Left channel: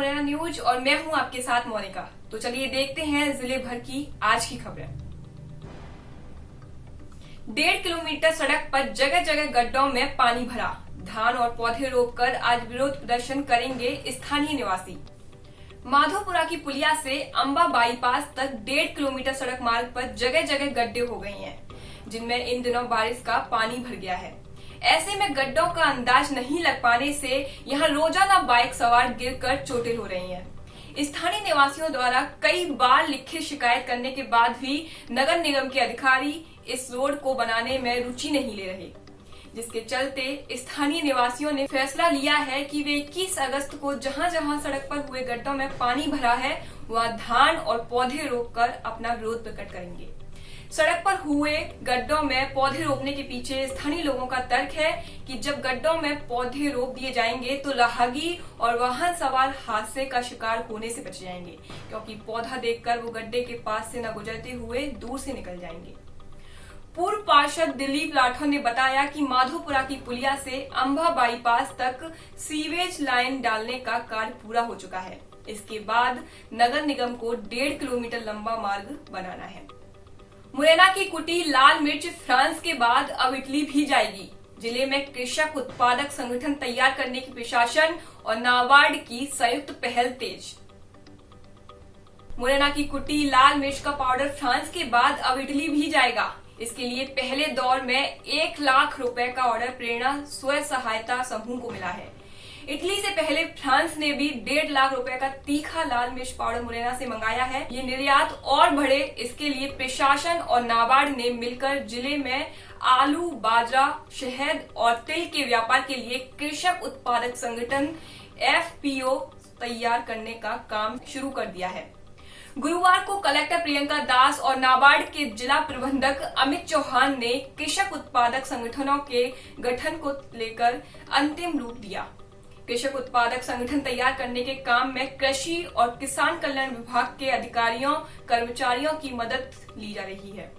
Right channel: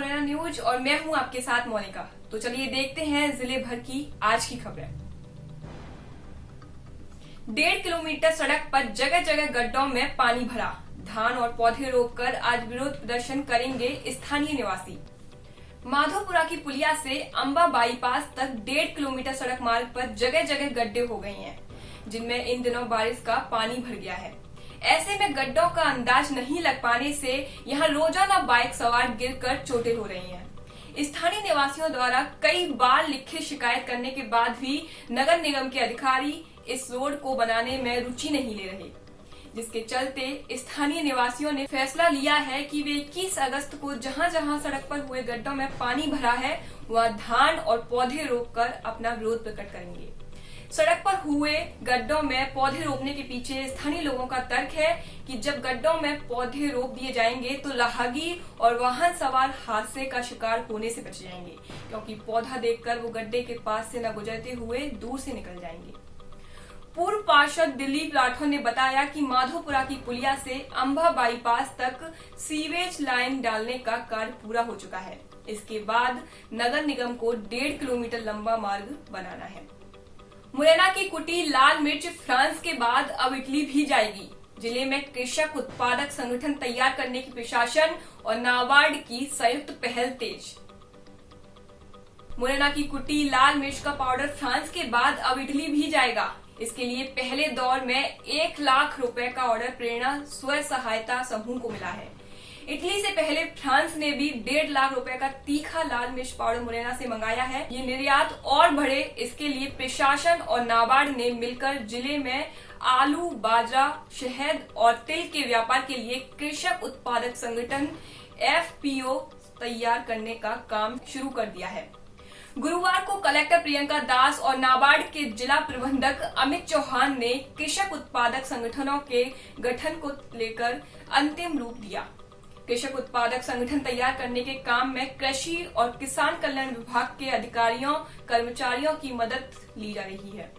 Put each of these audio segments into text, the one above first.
Morena news और मैं हूं आपके साथ मोनिका। तो चलिए देखते हैं जिले भर की आज की खबरें। 1.5 किलोमीटर सड़क पर जगह जगह गड्ढों में पानी भरा। धान और पौधे रोककर आज विरोध प्रदर्शन करेंगे स्थानीय निवासी। माधोपुरा की पुलिया से अंबा बाईपास तक 1.5 किलोमीटर सड़क मार्ग पर जगह जगह गड्ढे हो गए हैं, जिनमें इन दिनों बारिश का पानी भर गया है। ऐसे में गड्ढों का अंदाज नहीं लग पाने से यहां रोजाना बाइक सवार गिरकर चोटिल हो रही हैं। स्थानीय निवासियों द्वारा कई बार लिखित शिकायत करने के बाद भी नगर निगम के अधिकारी इस रोड को बनाने में रुचि नहीं ले रहे, जिसके चलते स्थानीय निवासियों ने फैसला लिया है कि वे 21 अगस्त को जहां जहां सड़क पर हुए गड्ढों में पानी भरा है वहां धान और पौधे रोककर अपना विरोध प्रकट करेंगे। सड़क पर हुए गड्ढों में पौधे रोपने के पीछे स्थानीय लोगों का तर्क है कि जब गड्ढों में पौधे रोप दिए जाएंगे तो राहगीर और वाहन सवार हादसे का शिकार होने से बच जाएंगे, क्योंकि पौधा देखकर वो गड्ढे के पास से न गुजरते हुए दूर से निकल जाएंगे। पूर्व पार्षद दिलीप राठौर ने बताया कि माधोपुरा की पुलिया से अंबा बाईपास तक सीवेज लाइन डालने का कार्य पूरा हो चुका है। इसके बाद नगर निगम को 1.5 किलोमीटर लंबा मार्ग बनाना है। मुरैना की कुटी लाल मिर्च फ्रांस के बाद अब इटली भी जाएगी। जिले में कृषक उत्पादक संगठन तैयार करने की प्रशासन और नाबार्ड की संयुक्त पहल तेज। मुरैना की कुटी लाल मिर्च का पाउडर फ्रांस के बाद अब इटली भी जाएगा। इसके लिए पहले दौर में 1 लाख रुपए का ऑर्डर प्रेरणा स्व सहायता समूह को मिला है। इटली से पहले फ्रांस ने भी 1.5 लाख रुपए का तीखा लाल मिर्च पाउडर मुरैना से मंगाया है। ये निर्यात और बढ़े, इसके लिए प्रशासन और नाबार्ड ने मिलकर जिले में आलू, बाजरा, शहद और तिल के व्यापार के लिए कृषक उत्पादक संगठन FPO तैयार करने का काम शुरू कर दिया है। गुरुवार को कलेक्टर प्रियंका दास और नाबार्ड के जिला प्रबंधक अमित चौहान ने कृषक उत्पादक संगठनों के गठन को लेकर अंतिम रूप दिया। कृषक उत्पादक संगठन तैयार करने के काम में कृषि और किसान कल्याण विभाग के अधिकारियों कर्मचारियों की मदद ली जा रही है।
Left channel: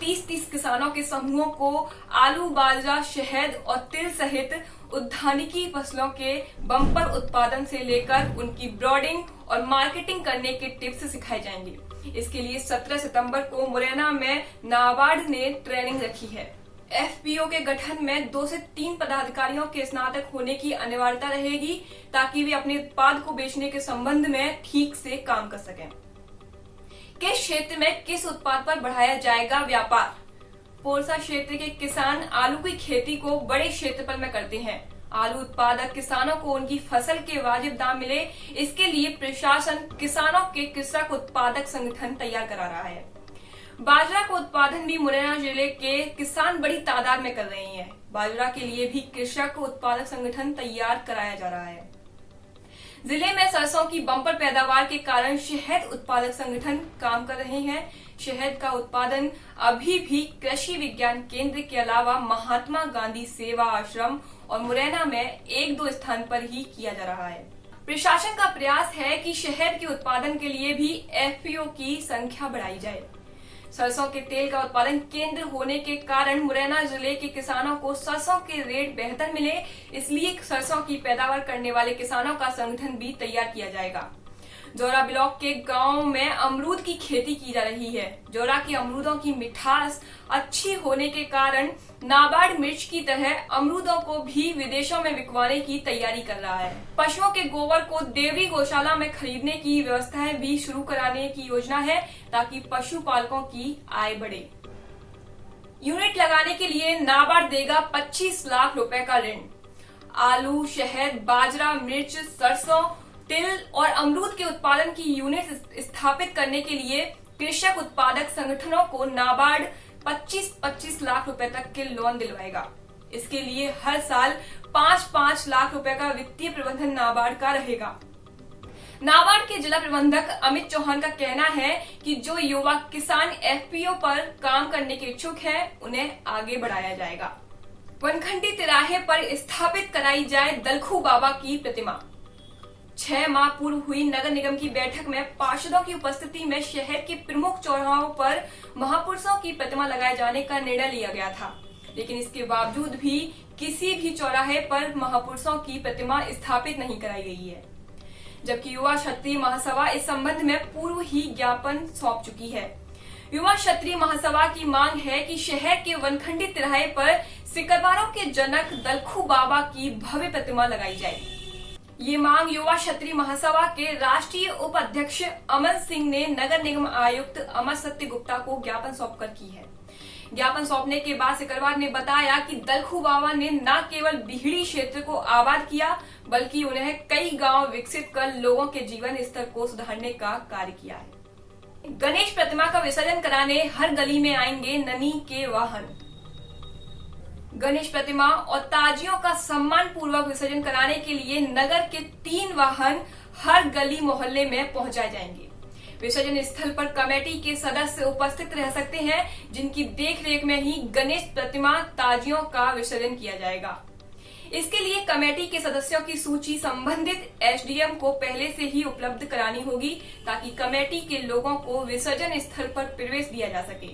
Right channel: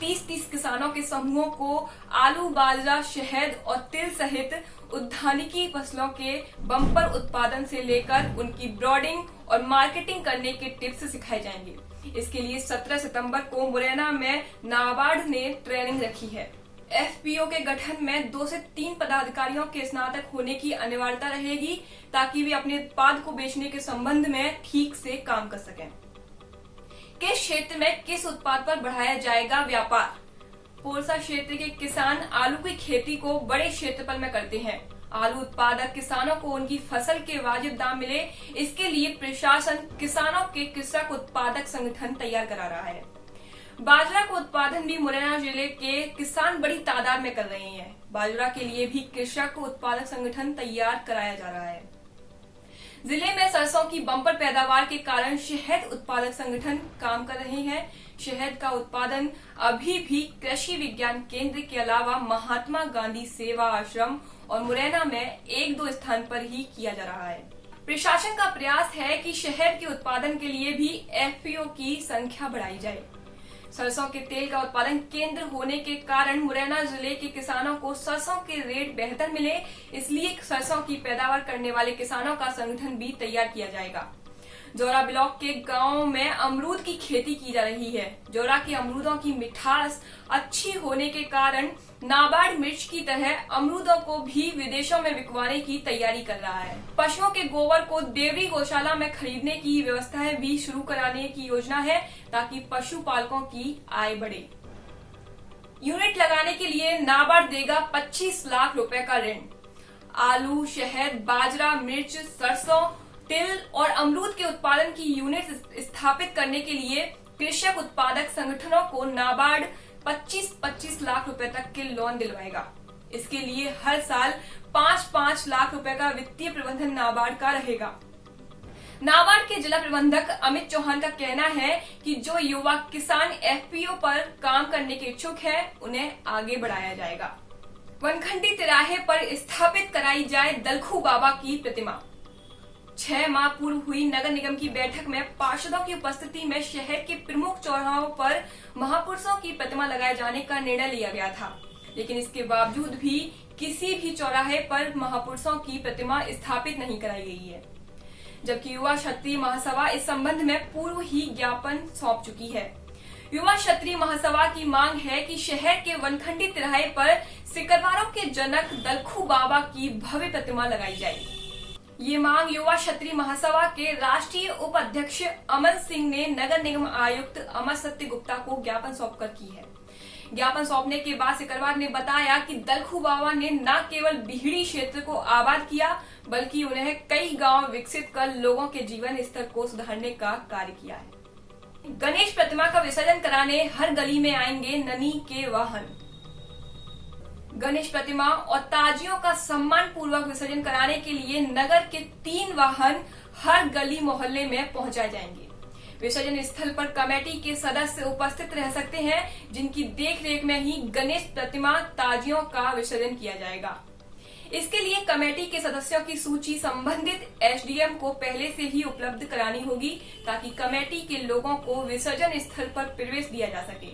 30 किसानों के समूहों को आलू, बाजरा, शहद और तिल सहित उद्यानिकी फसलों के बम्पर उत्पादन से लेकर उनकी ब्रॉडिंग और मार्केटिंग करने के टिप्स सिखाए जाएंगे। इसके लिए 17 सितंबर को मुरैना में नाबार्ड ने ट्रेनिंग रखी है। FPO के गठन में 2 से 3 पदाधिकारियों के स्नातक होने की अनिवार्यता रहेगी, ताकि वे अपने उत्पाद को बेचने के संबंध में ठीक से काम कर सकें। किस क्षेत्र में किस उत्पाद पर बढ़ाया जाएगा व्यापार? पोरसा क्षेत्र के किसान आलू की खेती को बड़े क्षेत्रफल में करते हैं। आलू उत्पादक किसानों को उनकी फसल के वाजिब दाम मिले, इसके लिए प्रशासन किसानों के कृषक उत्पादक संगठन तैयार करा रहा है। बाजरा का उत्पादन भी मुरैना जिले के किसान बड़ी तादाद में कर रहे हैं। बाजरा के लिए भी कृषक उत्पादक संगठन तैयार कराया जा रहा है। जिले में सरसों की बम्पर पैदावार के कारण शहद उत्पादक संगठन काम कर रहे हैं। शहद का उत्पादन अभी भी कृषि विज्ञान केंद्र के अलावा महात्मा गांधी सेवा आश्रम और मुरैना में 1-2 स्थान पर ही किया जा रहा है। प्रशासन का प्रयास है कि शहद के उत्पादन के लिए भी FPO की संख्या बढ़ाई जाए। सरसों के तेल का उत्पादन केंद्र होने के कारण मुरैना जिले के किसानों को सरसों के रेट बेहतर मिले, इसलिए सरसों की पैदावार करने वाले किसानों का संगठन भी तैयार किया जाएगा। जोरा ब्लॉक के गांव में अमरूद की खेती की जा रही है। जोरा के अमरूदों की मिठास अच्छी होने के कारण नाबार्ड मिर्च की तरह अमरूदों को भी विदेशों में बिकवाने की तैयारी कर रहा है। पशुओं के गोबर को देवरी गौशाला में खरीदने की व्यवस्थाएं भी शुरू कराने की योजना है, ताकि पशुपालकों की आय बढ़े। यूनिट लगाने के लिए नाबार्ड देगा 25 लाख रुपए का ऋण। आलू, शहद, बाजरा, मिर्च, सरसों, तिल और अमरूद के उत्पादन की यूनिट स्थापित करने के लिए कृषक उत्पादक संगठनों को नाबार्ड 25-25 लाख रुपए तक के लोन दिलवाएगा। इसके लिए हर साल 5-5 लाख रुपए का वित्तीय प्रबंधन नाबार्ड का रहेगा। नाबार्ड के जिला प्रबंधक अमित चौहान का कहना है कि जो युवा किसान FPO पर काम करने के इच्छुक हैं, उन्हें आगे बढ़ाया जाएगा। वनखंडी तिराहे पर स्थापित कराई जाए दलखू बाबा की प्रतिमा। 6 माह पूर्व हुई नगर निगम की बैठक में पार्षदों की उपस्थिति में शहर के प्रमुख चौराहों पर महापुरुषों की प्रतिमा लगाए जाने का निर्णय लिया गया था, लेकिन इसके बावजूद भी किसी भी चौराहे पर महापुरुषों की प्रतिमा स्थापित नहीं कराई गई है। जबकि युवा क्षत्रिय महासभा इस संबंध में पूर्व ही ज्ञापन सौंप चुकी है। युवा क्षत्रिय महासभा की मांग है कि शहर के वनखंडी तिराहे पर सिकरवारों के जनक दलखू बाबा की भव्य प्रतिमा लगाई जाए। ये मांग युवा क्षत्रिय महासभा के राष्ट्रीय उपाध्यक्ष अमन सिंह ने नगर निगम आयुक्त अमर सत्य गुप्ता को ज्ञापन सौंपकर की है। ज्ञापन सौंपने के बाद सिकरवार ने बताया कि दलखू बाबा ने न केवल बिहड़ी क्षेत्र को आबाद किया, बल्कि उन्हें कई गांव विकसित कर लोगों के जीवन स्तर को सुधारने का कार्य किया है। गणेश प्रतिमा का विसर्जन कराने हर गली में आएंगे ननी के वाहन। गणेश प्रतिमा और ताजियों का सम्मान पूर्वक विसर्जन कराने के लिए नगर के 3 वाहन हर गली मोहल्ले में पहुंचाए जाएंगे। विसर्जन स्थल पर कमेटी के सदस्य उपस्थित रह सकते हैं, जिनकी देखरेख में ही गणेश प्रतिमा ताजियों का विसर्जन किया जाएगा। इसके लिए कमेटी के सदस्यों की सूची संबंधित एसडीएम को पहले से ही उपलब्ध करानी होगी, ताकि कमेटी के लोगों को विसर्जन स्थल पर प्रवेश दिया जा सके।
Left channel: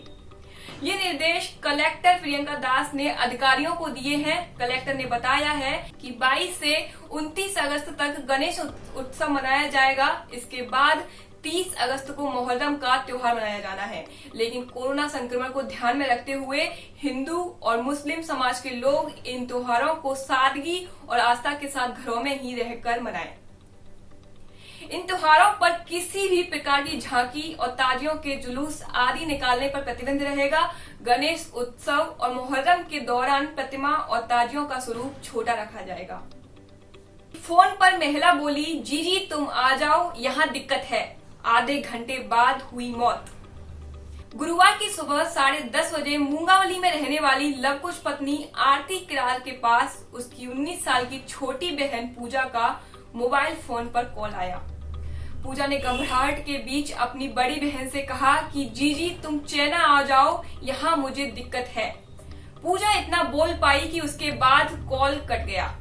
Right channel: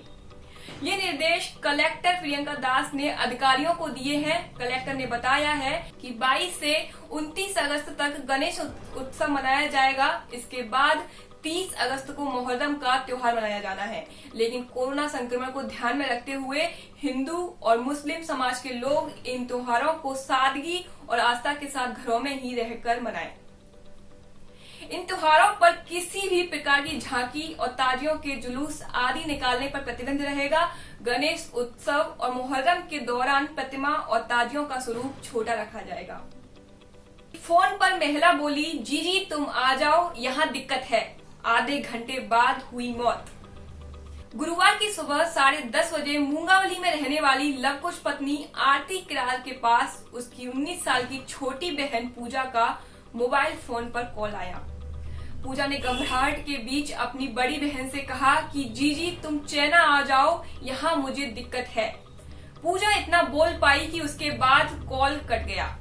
ये निर्देश कलेक्टर प्रियंका दास ने अधिकारियों को दिए हैं। कलेक्टर ने बताया है कि 22 से 29 अगस्त तक गणेश उत्सव मनाया जाएगा। इसके बाद 30 अगस्त को मोहर्रम का त्योहार मनाया जाना है, लेकिन कोरोना संक्रमण को ध्यान में रखते हुए हिंदू और मुस्लिम समाज के लोग इन त्योहारों को सादगी और आस्था के साथ घरों में ही रहकर मनाएं। इन त्योहारों पर किसी भी प्रकार की झांकी और ताजियों के जुलूस आदि निकालने पर प्रतिबंध रहेगा। गणेश उत्सव और मोहर्रम के दौरान प्रतिमा और ताजियों का स्वरूप छोटा रखा जाएगा। फोन पर महिला बोली, जीजी तुम आ जाओ, यहाँ दिक्कत है। आधे घंटे बाद हुई मौत। गुरुवार की सुबह 10:30 बजे मूंगावली में रहने वाली लवकुश पत्नी आरती किरार के पास उसकी 19 साल की छोटी बहन पूजा का मोबाइल फोन पर कॉल आया। पूजा ने घबराहट के बीच अपनी बड़ी बहन से कहा कि जीजी तुम चैना आ जाओ, यहाँ मुझे दिक्कत है। पूजा इतना बोल पाई कि उसके बाद कॉल कट गया।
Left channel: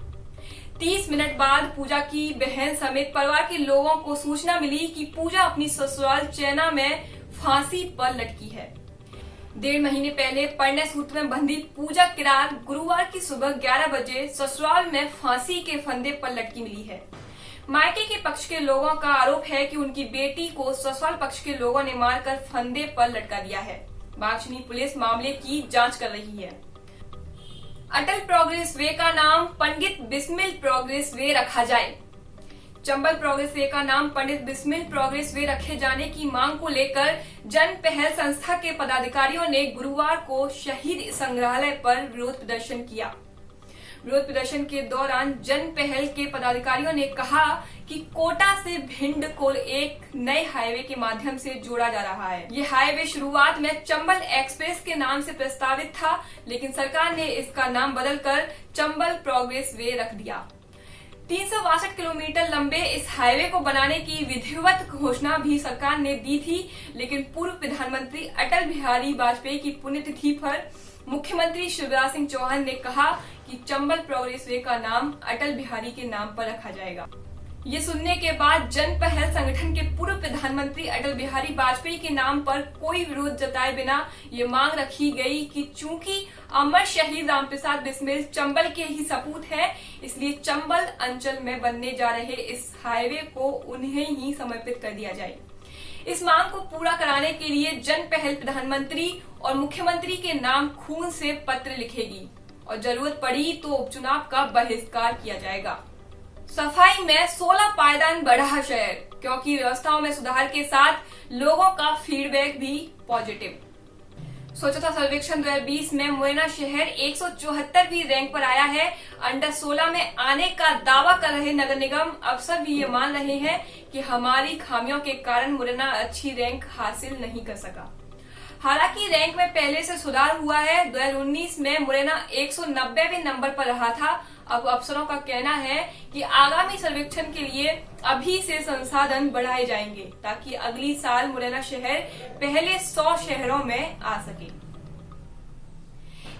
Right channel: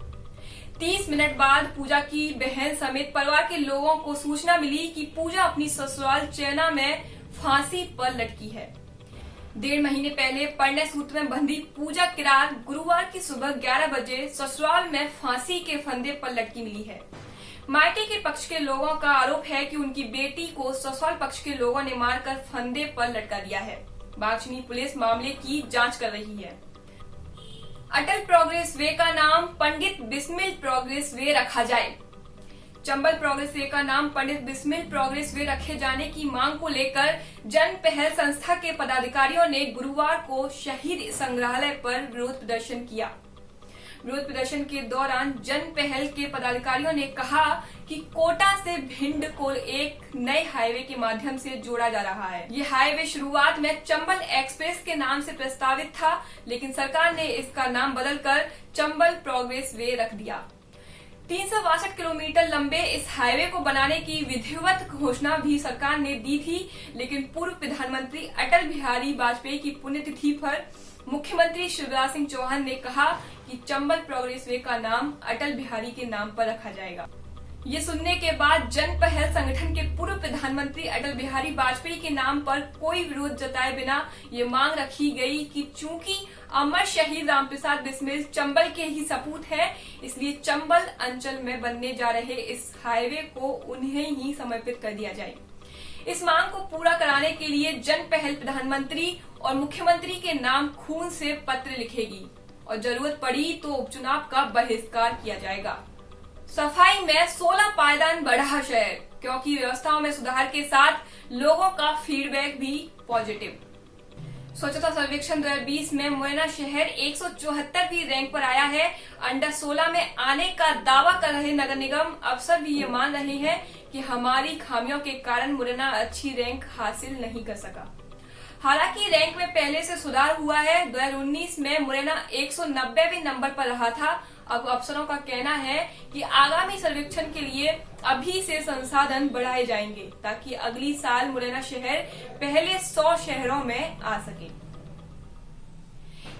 30 मिनट बाद पूजा की बहन समेत परिवार के लोगों को सूचना मिली कि पूजा अपनी ससुराल चैना में फांसी पर लटकी है। 1.5 महीने पहले परिणय सूत्र में बंधी पूजा किरार गुरुवार की सुबह 11 बजे ससुराल में फांसी के फंदे पर लटकी मिली है। मायके के पक्ष के लोगों का आरोप है कि उनकी बेटी को ससुराल पक्ष के लोगों ने मारकर फंदे पर लटका दिया है। बागचनी पुलिस मामले की जांच कर रही है। अटल प्रोग्रेस वे का नाम पंडित बिस्मिल प्रोग्रेस वे रखा जाए। चंबल प्रोग्रेस वे का नाम पंडित बिस्मिल प्रोग्रेस वे रखे जाने की मांग को लेकर जन पहल संस्था के पदाधिकारियों ने गुरुवार को शहीद संग्रहालय पर विरोध प्रदर्शन किया। विरोध प्रदर्शन के दौरान जन पहल के पदाधिकारियों ने कहा कि कोटा से भिंड को एक नए हाईवे के माध्यम से जोड़ा जा रहा है। ये हाईवे शुरुआत में चंबल एक्सप्रेस के नाम से प्रस्तावित था, लेकिन सरकार ने इसका नाम बदलकर चंबल प्रोग्रेस वे रख दिया। 362 किलोमीटर लंबे इस हाईवे को बनाने की विधिवत घोषणा भी सरकार ने दी थी, लेकिन पूर्व प्रधानमंत्री अटल बिहारी वाजपेयी की पुण्यतिथि पर मुख्यमंत्री शिवराज सिंह चौहान ने कहा कि चंबल प्रोग्रेस वे का नाम अटल बिहारी के नाम पर रखा जाएगा। ये सुनने के बाद जन पहल संगठन के पूर्व प्रधानमंत्री अटल बिहारी वाजपेयी के नाम पर कोई विरोध जताए बिना ये मांग रखी गई कि चूंकि अमर शहीद रामप्रसाद बिस्मिल चंबल के ही सपूत है, इसलिए चंबल अंचल में बनने जा रहे इस हाईवे को उन्हें ही समर्पित कर दिया जाए। इस मांग को पूरा कराने के लिए जन पहल प्रधानमंत्री और मुख्यमंत्री के नाम खून से पत्र लिखेगी और जरूरत पड़ी तो उपचुनाव का बहिष्कार किया जाएगा। सफाई में 16 पायदान बढ़ा शहर, क्योंकि व्यवस्थाओं में सुधार के साथ लोगों का फीडबैक भी पॉजिटिव। स्वच्छता सर्वेक्षण 2020 में मुरैना शहर 174वीं रैंक पर आया है। अंडर 16 में आने का दावा कर रहे नगर निगम अफसर भी ये मान रहे हैं कि हमारी खामियों के कारण मुरैना अच्छी रैंक हासिल नहीं कर सका। हालांकि रैंक में पहले से सुधार हुआ है। 2019 में मुरैना 190वें नंबर पर रहा था। अब अफसरों का कहना है कि आगामी सर्वेक्षण के लिए अभी से संसाधन बढ़ाए जाएंगे, ताकि अगली साल मुरैना शहर पहले 100 शहरों में आ सके।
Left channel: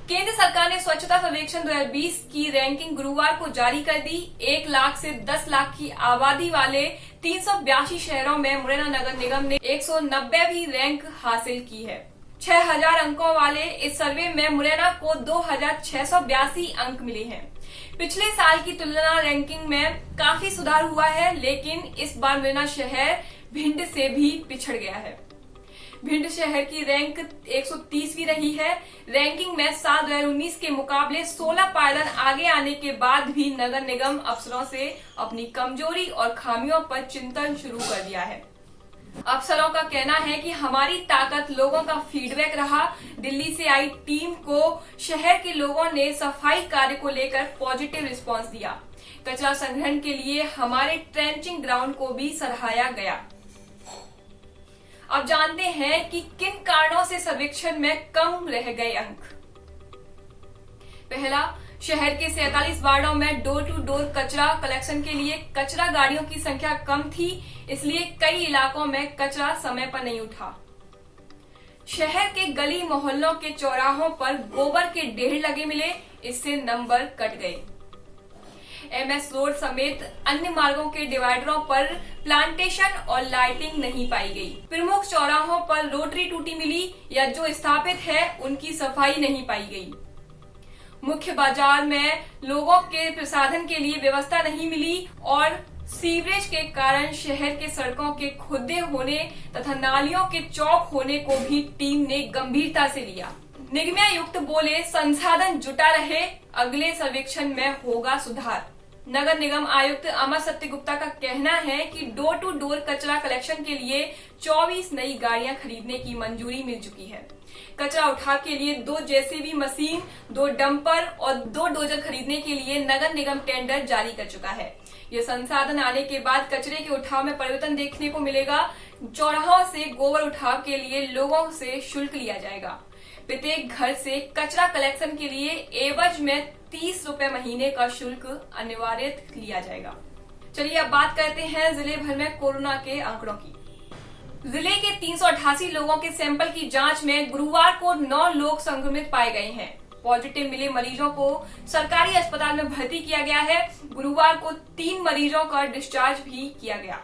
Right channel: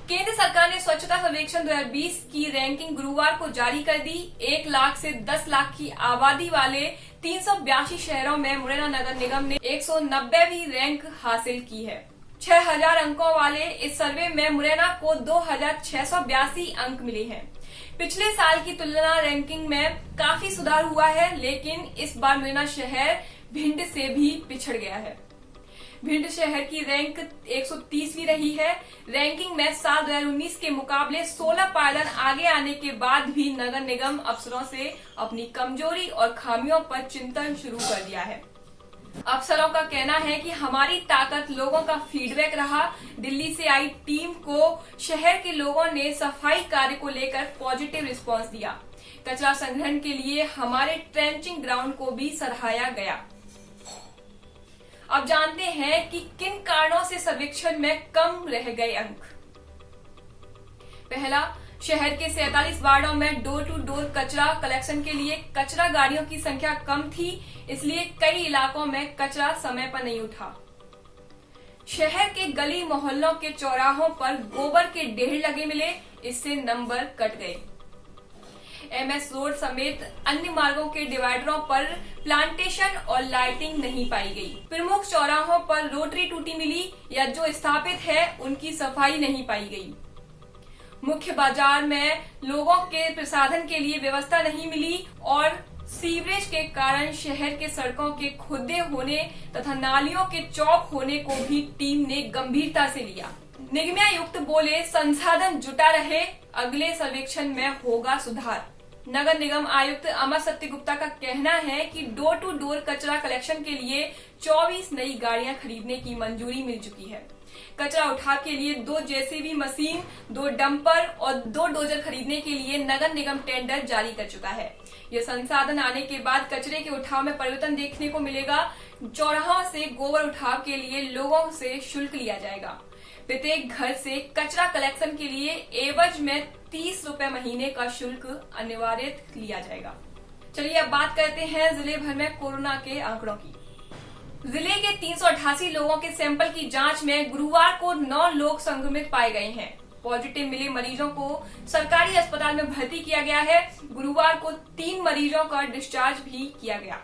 केंद्र सरकार ने स्वच्छता सर्वेक्षण 2020 की रैंकिंग गुरुवार को जारी कर दी। 1 लाख से 10 लाख की आबादी वाले 382 शहरों में मुरैना नगर निगम ने 190वीं रैंक हासिल की है। 6000 अंकों वाले इस सर्वे में मुरैना को 2682 अंक मिले हैं। पिछले साल की तुलना रैंकिंग में काफी सुधार हुआ है, लेकिन इस बार मुरैना शहर भिंड से भी पिछड़ गया है। भिंड शहर की रैंक 130वीं रही है। रैंकिंग में साल 2019 के मुकाबले 16 पायदान आगे आने के बाद भी नगर निगम अफसरों से अपनी कमजोरी और खामियों पर चिंतन शुरू कर दिया है। अफसरों का कहना है कि हमारी ताकत लोगों का फीडबैक रहा। दिल्ली से आई टीम को शहर के लोगों ने सफाई कार्य को लेकर पॉजिटिव रिस्पांस दिया। कचरा संग्रहण के लिए हमारे ट्रेंचिंग ग्राउंड को भी सराहाया गया। अब जानते हैं कि किन कारणों से सर्वेक्षण में कम रह गए अंक। पहला, शहर के 47 वार्डों में डोर टू डोर कचरा कलेक्शन के लिए कचरा गाड़ियों की संख्या कम थी, इसलिए कई इलाकों में कचरा समय पर नहीं उठा। शहर के गली मोहल्लों के चौराहों पर गोबर के ढेर लगे मिले, इससे नंबर कट गए। MS रोड समेत अन्य मार्गों के डिवाइडरों पर प्लांटेशन और लाइटिंग नहीं पाई गई। प्रमुख चौराहों पर रोटरी टूटी मिली या जो स्थापित है उनकी सफाई नहीं पाई गई। मुख्य बाजार में लोगों के प्रसाधन के लिए व्यवस्था नहीं मिली और सीवरेज के कारण शहर के सड़कों के खुदे होने तथा नालियों के चौक होने को भी टीम ने गंभीरता से लिया। निगमायुक्त बोले, संसाधन जुटा रहे, अगले सर्वेक्षण में होगा सुधार। नगर निगम आयुक्त अमर सत्य गुप्ता का कहना है कि डोर टू डोर कचरा कलेक्शन के लिए 24 नई गाड़ियां खरीदने की मंजूरी मिल चुकी है। कचरा उठाव के लिए 2 JCB मशीन, 2 डंपर और 2 डोजर खरीदने के लिए नगर निगम टेंडर जारी कर चुका है। ये संसाधन आने के बाद कचरे के उठाव में परिवर्तन देखने को मिलेगा। चौराहों से गोबर उठाव के लिए लोगों से शुल्क लिया जाएगा। प्रत्येक घर से कचरा कलेक्शन के लिए एवज में 30 रुपए महीने का शुल्क अनिवार्य लिया जाएगा। चलिए अब बात करते हैं जिले भर में कोरोना के आंकड़ों की। जिले के 388 लोगों के सैंपल की जांच में गुरुवार को 9 लोग संक्रमित पाए गए हैं। पॉजिटिव मिले मरीजों को सरकारी अस्पताल में भर्ती किया गया है। गुरुवार को 3 मरीजों का डिस्चार्ज भी किया गया।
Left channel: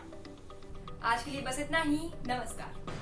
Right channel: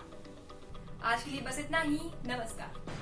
आज के लिए बस इतना ही। नमस्कार।